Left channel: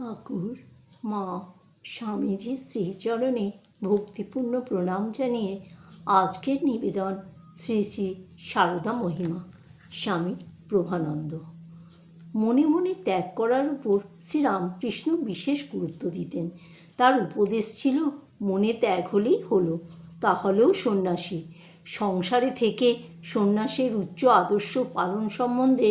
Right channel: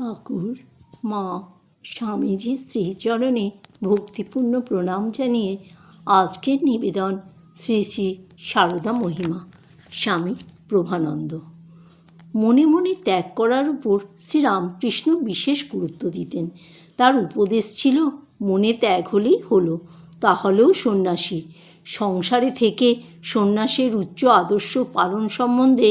ঠাকুর মা স্বামীজির শ্রীচরণে ভক্তিপূর্ণ প্রণাম জানিয়ে আজকের নিবেদন শ্রী শ্রী সারদা মহিমা। স্বামী প্রভানন্দ। মনে মনে ত্যাগ করার উপর শ্রীরামকৃষ্ণ বিশেষ গুরুত্ব দিতেন। তার উপদেশ ছিল, মনে ত্যাগ হলেই হলো, তাহলেও সন্ন্যাসী। সংসারে থেকে সন্ন্যাসের উচ্চ আদর্শ পালন সম্বন্ধে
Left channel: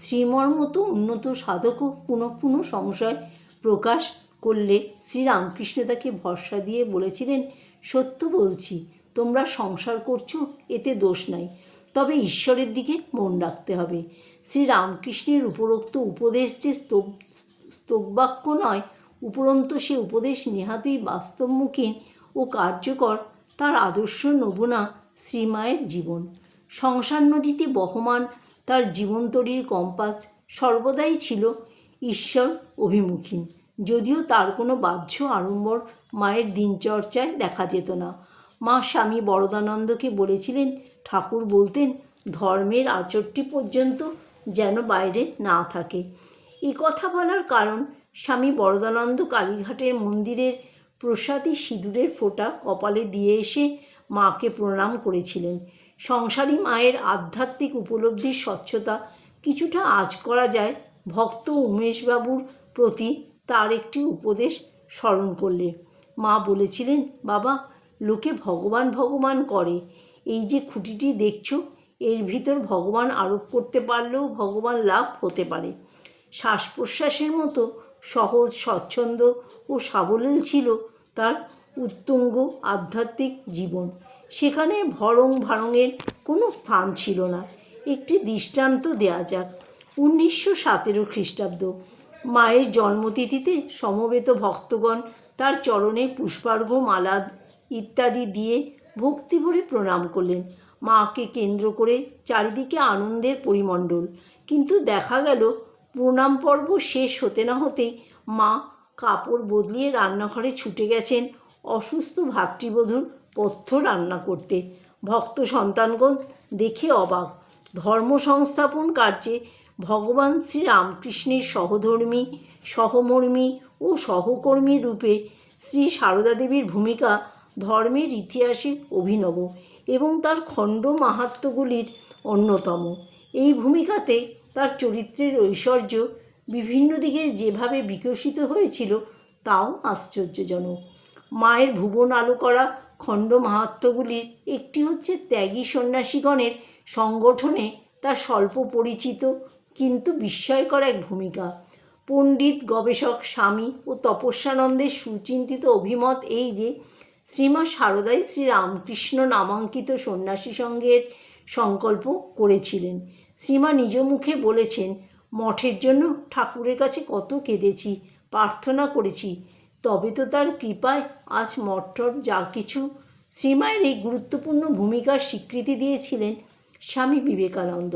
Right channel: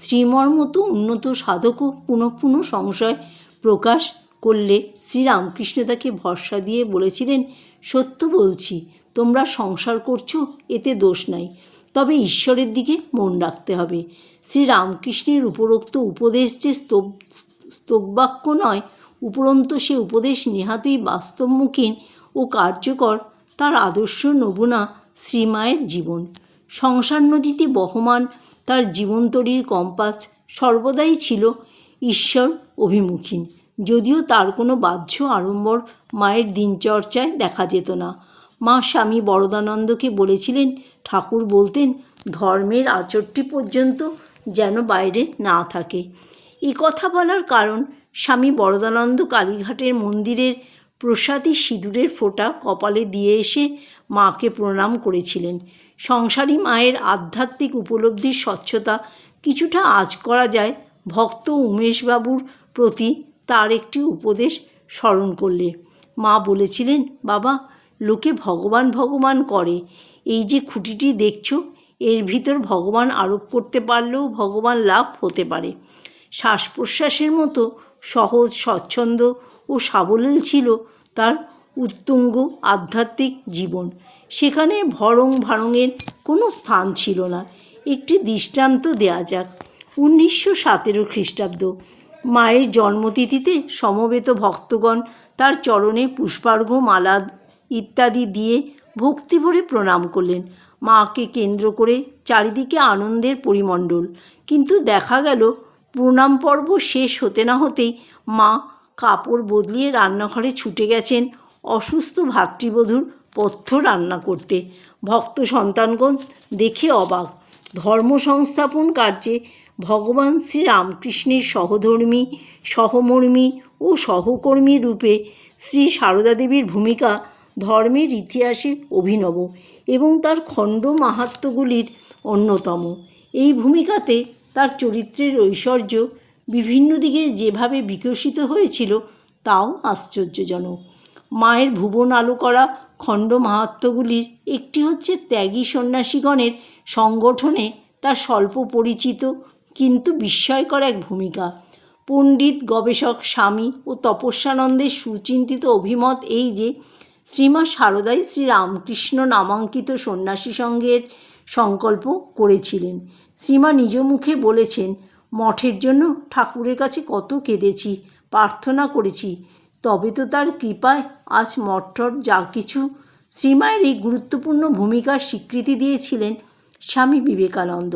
শ্রীমর মতো উন্নত সাধকও পুনঃ পুনঃ সংশয় প্রকাশ করলে শ্রীরামকৃষ্ণ তাকে ভরসা দিয়ে বলেছিলেন, সত্য বলছি, তোমরা সংসার করছো, এতে দোষ নাই, তবে ঈশ্বরের দিকে মন রাখতে হবে। শ্রীরামকৃষ্ণের উপরোক্ত উপদেশ যে স্তববাক্য নয়, উপরন্তু সে উপদেশ নেহাতই বাস্তবমুখী ও কার্যকর। তার আদর্শ নমুনা শ্রীমায়ের জীবন। সংসার নদীতে বহমান তার জীবনতরীর কম্পাস সর্বদাই ছিল ঈশ্বর অভিমুখী, যদিও তার কোনো বাহ্য আড়ম্বর মায়ের দিনচর্চায় দেখা যেত না। মা স্বামী বরদানন্দকে বলেছিলেন, ঠাকুর বলতেন, ধর্মের আচরটি পর্যন্ত যেন বাইরে না থাকে। এই কথা বলার কারণ, স্বামী বরদানন্দ কালীঘাটের মন্দিরের প্রসাদী সিঁদুরের ফোঁটা কপালে দিয়ে এসে মাকে প্রণাম করেছিলেন। সংসারী মায়ের আধ্যাত্মিক উপলব্ধির স্বচ্ছতা কিছুটা আঁচ করা যায় ভক্ত উমেশবাবুর প্রতি তার একটি উপদেশ স্মরণ করলে। মা বলেছিলেন, বাবা, লোকে ভগবান ভগবান করে, এই যে খুঁটিটি দেখছ, এর ভিতর ভগবান আরোপ করতে পারলেও ভগবান লাভ হতে পারে। শ্বাস প্রশ্বাসের মতো সহজ, স্বচ্ছন্দ ও সাবলীল ছিল তার উত্তুঙ্গ আধ্যাত্মিক জীবন। সেখানে ভরং ভারঙের কোনো স্থান ছিল না। একটি দৃষ্টান্ত দেয়া যাক। 1917 খ্রিস্টাব্দ। মায়ের জন্মতিথিতে সমবেত ভক্তগণ তার চরণে পুষ্পার্ঘ্য, মালা ইত্যাদি দিয়ে ভক্তিভরে প্রণাম করলেন। মাকে কেন্দ্র করে চারিদিকে আনন্দের পরিমণ্ডল। কিন্তু দেখা গেল, প্রণাম পর্ব শেষ হতে না হতেই মা কাপড় বদলিয়ে রান্নাঘরে ছুটে গেছেন অসুস্থ ভাতৃবধূর পথ্য রান্না করতে। ভক্ত সন্তানগণ দেখে অবাক। ধর্ম সংস্থাপন কার্যে ভগবান শ্রীরামকৃষ্ণের সহধর্মী, সহমর্মী ও সহকর্মী রূপে শ্রী সারদা দেবীর ভূমিকা ধর্মের ইতিহাসে অভিনব এবং তার খণ্ড মাহাত্ম্যগুলির অন্যতম। এই ভূমিকাতে তার চরিত্রের ঐশ্বর্য বিভিন্ন দিকে যেভাবে বিকশিত হয়েছিল, তাও আশ্চর্যজনক। মায়ের ভুবন আলো করা খণ্ড মাহাত্ম্যগুলির একটি হচ্ছে ত্যাগী সন্ন্যাসীগণের সংগঠনে তার স্বল্প পরিচিত কিন্তু বিস্ময়কর এক ভূমিকা। পণ্ডিত গবেষক স্বামী ও তপস্যানন্দের সুচিন্তিত অভিমত এই যে, শ্রীমা সারদাই শ্রীরামকৃষ্ণ নামাঙ্কিত সন্ন্যাসী সংঘের সংকল্প করেছিলেন। শ্রীমা নিজ মুখে বলেছেন, মঠের জন্য ঠাকুরের কাছে কত কেঁদেছি, প্রার্থনা করেছি, তবে তো তার কৃপায় আজ মঠটর যা কিছু। শ্রীমায়ের এই গুরুত্বপূর্ণ ভূমিকার স্বীকৃতি দিয়েছিলেন স্বামী বিবেকানন্দ।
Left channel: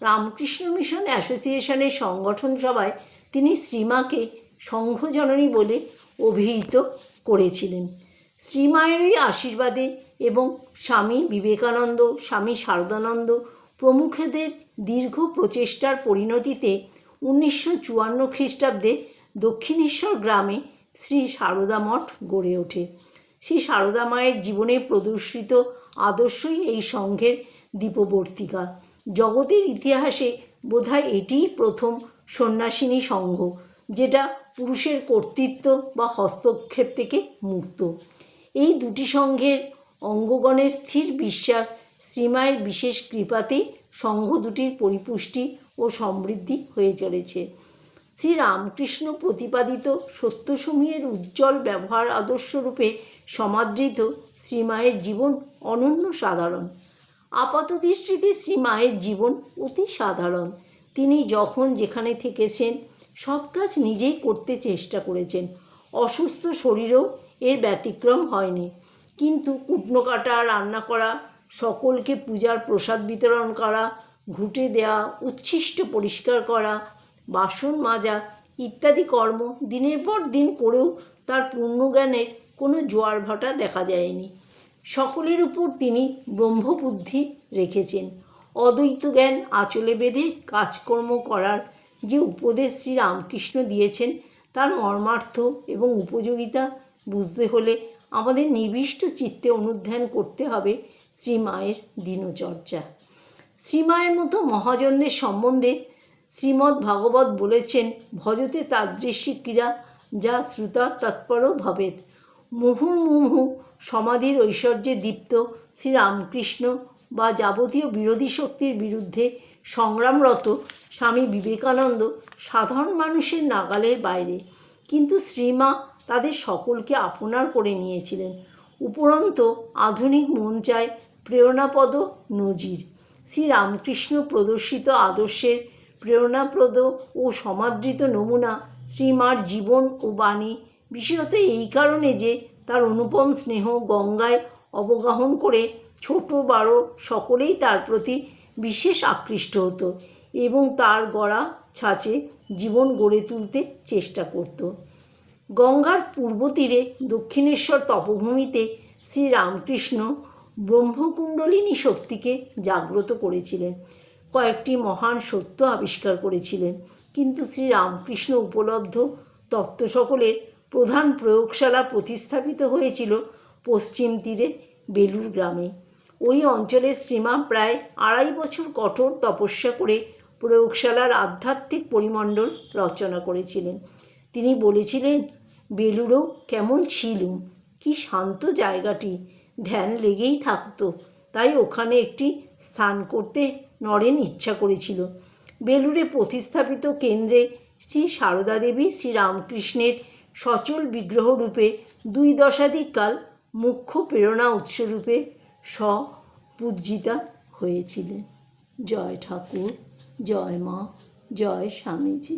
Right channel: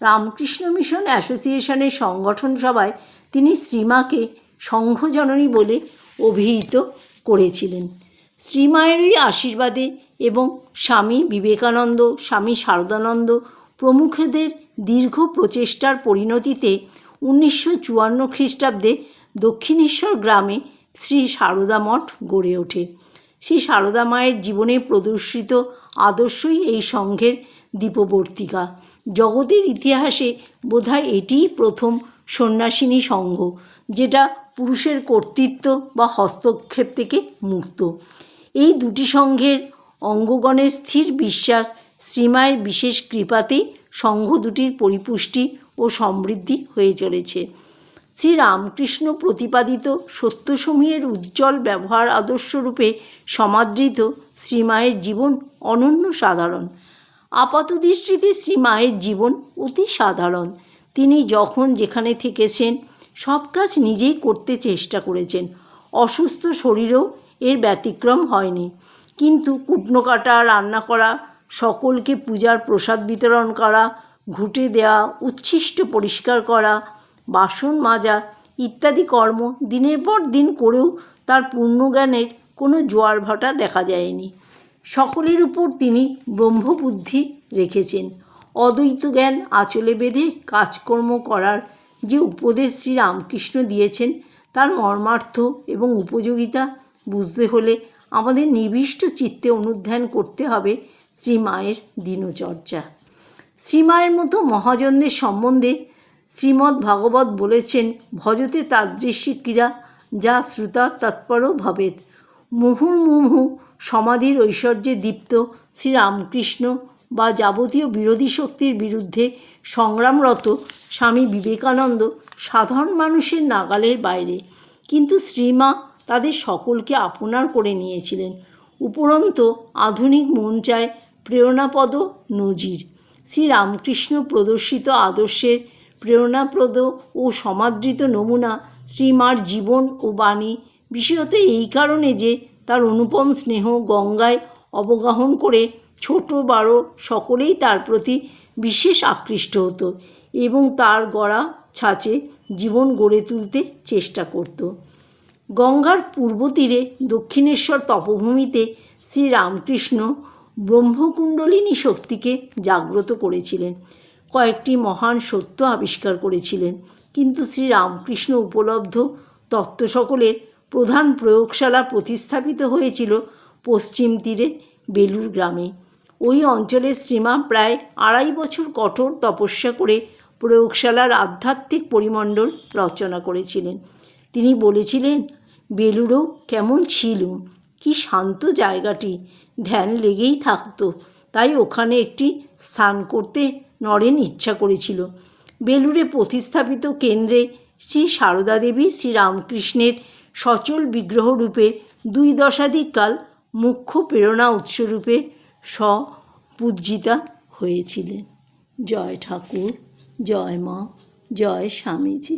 রামকৃষ্ণ মিশন অ্যাসোসিয়েশনের সংগঠন সভায় তিনি শ্রীমাকে সংঘজননী বলে অভিহিত করেছিলেন। শ্রীমায়ের এই আশীর্বাদে এবং স্বামী বিবেকানন্দ, স্বামী শারদানন্দ প্রমুখদের দীর্ঘ প্রচেষ্টার পরিণতিতে 1954 খ্রিস্টাব্দে দক্ষিণেশ্বর গ্রামে শ্রী সারদা মঠ গড়ে ওঠে। শ্রী সারদা মায়ের জীবনে প্রদর্শিত আদর্শই এই সংঘের দীপবর্তিকা। জগতের ইতিহাসে বোধহয় এটিই প্রথম সন্ন্যাসিনী সংঘ, যেটা পুরুষের কর্তৃত্ব বা হস্তক্ষেপ থেকে মুক্ত। এই দুটি সংঘের অঙ্গগণের স্থির বিশ্বাস শ্রীমায়ের বিশেষ কৃপাতেই সংঘ দুটির পরিপুষ্টি ও সমৃদ্ধি হয়ে চলেছে। শ্রীরামকৃষ্ণ প্রতিপাদিত সত্যসমূহের উজ্জ্বল ব্যবহার আদর্শরূপে সমাদৃত শ্রীমায়ের জীবন অনন্য সাধারণ। আপাতদৃষ্টিতে শ্রীমায়ের জীবন অতি সাধারণ। তিনি যখন যেখানে থেকেছেন সব কাজ নিজেই করতে চেষ্টা করেছেন। অসুস্থ শরীরেও এর ব্যতিক্রম হয়নি। কিন্তু কুটনো কাটা, রান্না করা, সকলকে পূজার প্রসাদ বিতরণ করা, ঘুঁটে দেওয়া, উচ্ছিষ্ট পরিষ্কার করা, বাসন মাজা ইত্যাদি কর্ম দিনের পর দিন করেও তার পূর্ণজ্ঞানের কোনো জোয়ার ভাটা দেখা যায়নি। সকলের উপর তিনি ব্রহ্মবুদ্ধি রেখেছেন। অদ্বৈত জ্ঞান আঁচলে বেঁধে কাজকর্ম করার যে উপদেশ শ্রীরামকৃষ্ণ দিয়েছেন, তার মর্মার্থ এবং উপযোগিতা বুঝতে হলে আমাদের নিবিষ্ট চিত্তে অনুধ্যান করতে হবে শ্রীমায়ের দিনচর্যা। শ্রীমায়ের মতো মহাজনদের সম্বন্ধে শ্রীমদ্ ভাগবত বলেছেন, ভজতে তাদৃশী ক্রীড়া যা শ্রুতা তৎপর ভবেৎ। মুহুর্মুহু সমাধির ঐশ্বর্যে দীপ্ত শ্রীরামকৃষ্ণ বা যাবতীয় বিরোধী শক্তির বিরুদ্ধে সংগ্রামরত স্বামী বিবেকানন্দ সাধারণ মানুষের নাগালের বাইরে, কিন্তু শ্রীমা তাদের সকলকে আপনার করে নিয়েছিলেন। উপরন্তু আধুনিক মন চায় প্রেরণাপদ নজির। শ্রীরামকৃষ্ণ প্রদর্শিত আদর্শের প্রেরণাপ্রদ ও সমাদৃত নমুনা শ্রীমার জীবন ও বাণী, বিশেষত এই কারণে যে তার অনুপম স্নেহ গঙ্গায় অবগাহন করে ছোট বড় সকলেই তার প্রতি বিশেষ আকৃষ্ট হতো এবং তার গড়া ছাঁচে জীবন গড়ে তুলতে চেষ্টা করত। গঙ্গার পূর্ব তীরে দক্ষিণেশ্বর তপভূমিতে শ্রীরামকৃষ্ণ ব্রহ্মকুণ্ডলিনী শক্তিকে জাগ্রত করেছিলেন, কয়েকটি মহান সত্য আবিষ্কার করেছিলেন। কিন্তু শ্রীরামকৃষ্ণ উপলব্ধ তত্ত্ব সকলের প্রধান প্রয়োগশালা প্রতিস্থাপিত হয়েছিল পশ্চিম তীরে বেলুর গ্রামে। ওই অঞ্চলের শ্রীমা প্রায় 2.5 বছর কঠোর তপস্যা করে প্রয়োগশালার আধ্যাত্মিক পরিমণ্ডল রচনা করেছিলেন। তিনি বলেছিলেন, বেলুড়ও কেমন ছিল, কি শান্ত জায়গাটি, ধ্যান লেগেই থাকতো, তাই ওখানে একটি স্থান করতে নরেন ইচ্ছা করেছিল। বেলুড়ে প্রতিস্থাপিত কেন্দ্রে শ্রী সারদা দেবী শ্রীরামকৃষ্ণের সচল বিগ্রহরূপে 2 দশাধিক কাল মুখ্য প্রেরণা উৎসরূপে স্বপূজিতা হয়েছিলেন। জয় ঠাকুর, জয় মা, জয় স্বামীজি।